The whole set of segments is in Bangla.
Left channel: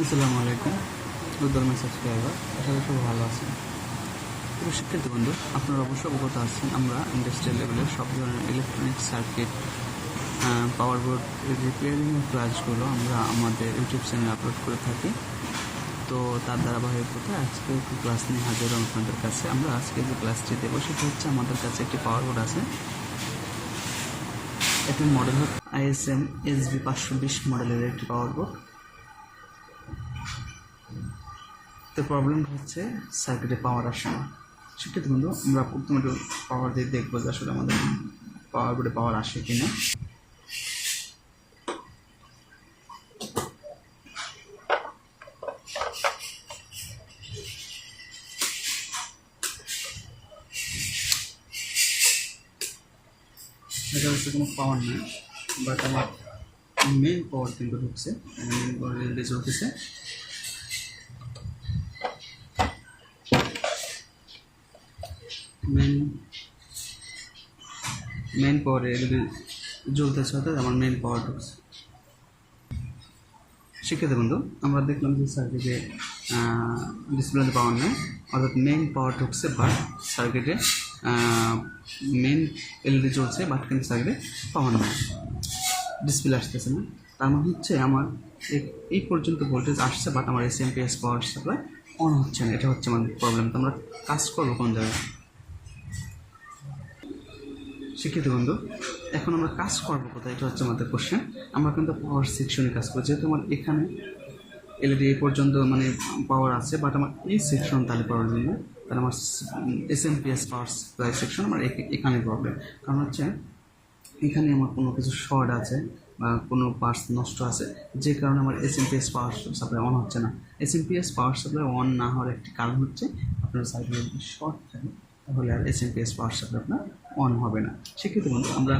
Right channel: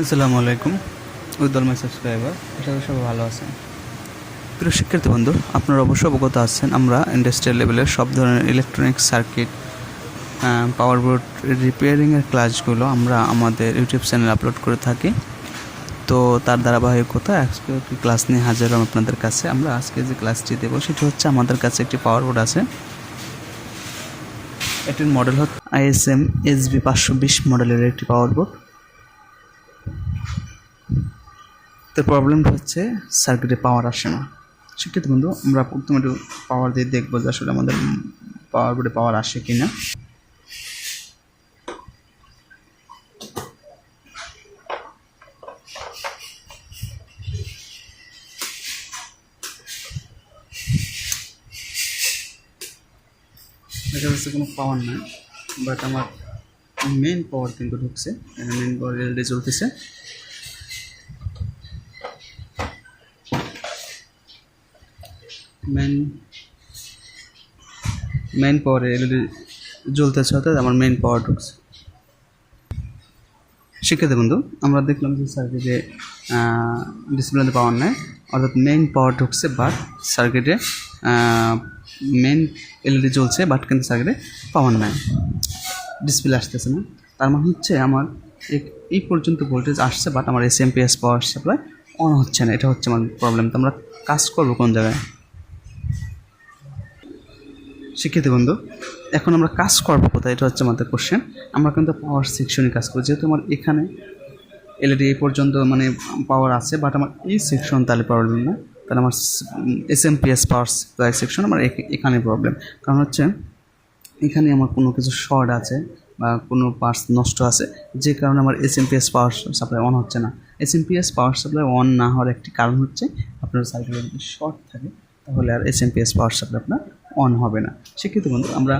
আসসালামু আলাইকুম উদ্দল মাই সাবস্ক্রাইবার, আশা করি সবাই ভালো আছেন। প্রিয় শিক্ষার্থী বন্ধু, আপনারা অবশ্যই অবগত আছেন আমরা ইন্ডাস্ট্রিয়াল লেভেলের সব ধরনের ইলেকট্রনিক সার্কিট, পাওয়ার বোর্ড রিপেয়ারিংয়ের ক্লাসগুলো আমরা আমাদের ইউটিউব চ্যানেলে আপলোড করে থাকি। তো তার ধারাবাহিকতা আজকে একটি ক্লাস নিয়ে হাজির হলাম আপনাদের কাছে। আমরা আজকে যে ক্লাসটি দেবো সেটি হচ্ছে, আমাদের কাছে একটি পাওয়ার বোর্ড আছে। এটির মডেল হচ্ছে ISM sv-520 মডেলের একটি পাওয়ার বোর্ড। তো প্রবলেমটা হচ্ছে সার্কিটে পাওয়ার আসে না। শিক্ষিত বন্ধু, আমরা প্রথমে একটু পাওয়ার দিয়ে দেখবো যে আসলে আমাদের পাওয়ার বোর্ডে পাওয়ার আসে কি না। দেখা যাচ্ছে কোনো পাওয়ার নাই, বাট আমার মেন পাওয়ার কিন্তু ঢুকছে। মেন পাওয়ার এলইডি চলতেছে। মেন পাওয়ার এলইডি জ্বলতেছে, অর্থাৎ আমার মেন পাওয়ার ঢুকছে। শিক্ষিত বন্ধু, আমরা দেখলাম যে সার্কিটে ডিসপ্লেতে পাওয়ার নেই, অর্থাৎ মেইন পাওয়ার ঢুকছে, বাট সার্কিটে মেন এলইডি জ্বলছে, বাট কিন্তু সার্কিটে পাওয়ার নেই, ডিসপ্লে আসতেছে না। তার মানে হচ্ছে আমার এই পর্যন্ত ভোল্টেজ আসছে, বাট আমার এসএমপিএস পাওয়ার সাপ্লাই অন হচ্ছে না। এটা হচ্ছে আমার প্রবলেম। তো আমরা কাজ করবো কোন জায়গায়? শিক্ষিত বন্ধু, এখন আমরা কাজ করবো কোথায়, এটা হচ্ছে আমাদের কোশ্চেন। আমরা কিন্তু পাওয়ার সেকশনে কাজ করবো, যেহেতু আমার এখানে এলইডি এই পর্যন্ত মানে পাওয়ার আছে, বাট আমার এই সেকশন তাহলে প্রবলেম না। তাহলে আমার এসএমপিএস পাওয়ার সাপ্লাই সেকশন আমার এখানে প্রবলেম। কারণ হচ্ছে এখানে আমার কোনো কিছু শর্ট আছে বা কোনো পার্টস নষ্ট আছে, যে কারণে আমার এসএমপিএস পাওয়ার সাপ্লাই অন হচ্ছে না। এসএমপিএস পাওয়ার সাপ্লাই অন না হওয়ার একটি কারণ হচ্ছে, আপনার সাইকেলে যদি শর্ট থাকে তাহলে আর এসএমপিএস পাওয়ার সাপ্লাই আপনার অন হবে না। শিক্ষিত বন্ধু, আমরা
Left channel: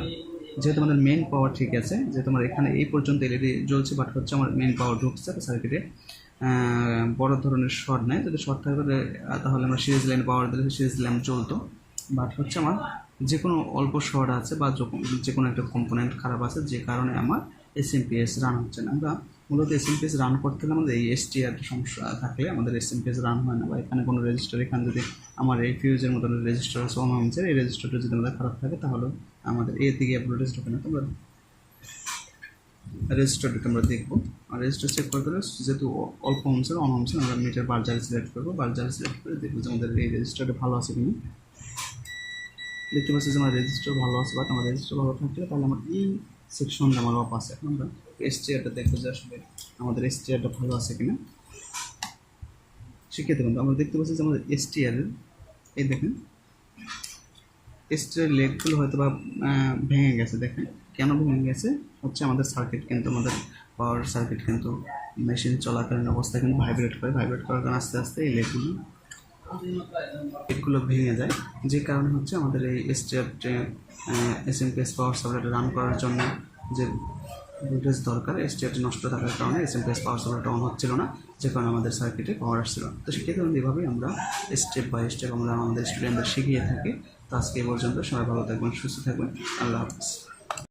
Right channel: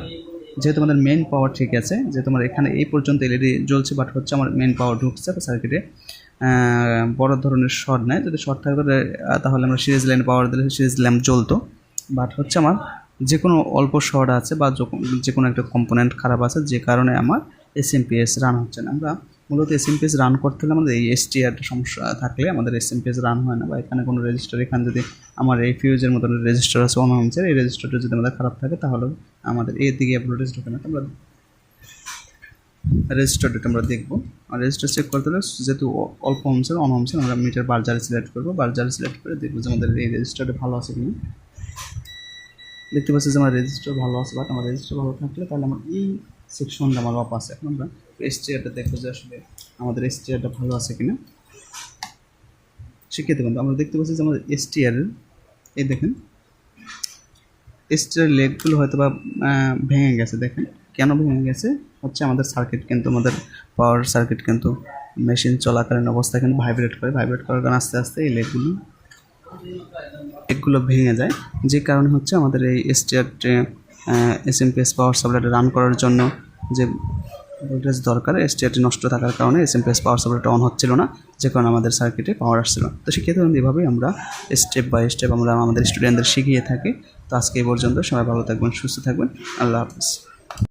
যেহেতু আমাদের মেন পাওয়ার ঠিক আছে, যেহেতু আমার এখানে এই পর্যন্ত এলইডি জ্বলছে, বাট হচ্ছে আমার মেন পাওয়ার ঢুকছে সার্কিটে, বড় ধরনের শর্ট নেয়। যদি শর্ট থাকে তাহলে আমরা সিরিজ লাইন পাওয়ার দিলে সিরিজ ল্যাম্প জ্বলতো, বাট হচ্ছে আমার যে কোনো অল্প শর্ট আছে বা যে কোনো একটা কম্পোনেন্ট খারাপ আছে, যে কারণে আমার এসএমপিএস রান হচ্ছে না। আমরা মূলত এসএমপিএস রান করতে হলে আমাদের এই এসটিআর সমস্যা থাকলে আমাদের এসএমপিএস রান হয় না, বা এখানে কোনো রেজিস্টার, এখানে যদি আমার এই ফিউজের মতো রেজিস্টার আছে অন হচ্ছে, এই রেজিস্টারটা যদি আমাদের খারাপ থাকে তাহলে আমাদের এই দিকে ভোল্টেজ ঢোকে না। আমরা রেজিস্টারটা আমরা দেখবো, আর রেজিস্টার চেক করতে হলে যেহেতু অল্প হোমসের অন হোমসের, আমরা মিটার বারজারি সিলেক্ট করবো। বারজারি সিলেক্ট করে দেখবো যে আমাদের এই রেজিস্টারটা ভালো আছে কিনা। দেখতে পাচ্ছি যে আমার রেজিস্টার ভালো আছে, বাট আমার রেজিস্টার ভালো থাকলে তাহলে আমার এই সেকশনটা আমার অফ আছে। এখন আমরা এসটিআরটা দেখবো যে আসলে আমাদের এসটিআরটা ভালো আছে কিনা। শিক্ষিত বন্ধু, আমরা দেখতে পাচ্ছি যে আমাদের এসটিআর, এই দেখেন এসটিআর লেগগুলো হয়তো বা ভেঙে গেছে। দেখেন কেন ভেঙে গেছে, হচ্ছে আমাদের সার্কিট কিন্তু, আমাদের পাওয়ার সার্কিট কিন্তু মেশিন চলাকালীন অবস্থায় কিন্তু ভাইব্রেট করার কারণে আস্তে আস্তে এই লেগগুলো ভেঙে যায়, যে কারণে হচ্ছে আমাদের এই এসএমপিএস পাওয়ার সাপ্লাইটা রান করার জন্য যে ভোল্টেজ দরকার, এসটিআরটি নষ্ট থাকার কারণে এসএমপিএস পাওয়ার সাপ্লাইটা অন হচ্ছিল না, যে কারণে আমাদের সার্কিটে পাওয়ার আসছিল। তো সেক্ষেত্রে এভাবেই আমরা স্টেপ বাই স্টেপ আমরা আমাদের স্টুডেন্টদের শিখিয়ে থাকি। তো আজকে এই পর্যন্ত, সবাই ভালো থাকবেন, সুস্থ থাকবেন, আল্লাহ হাফিজ।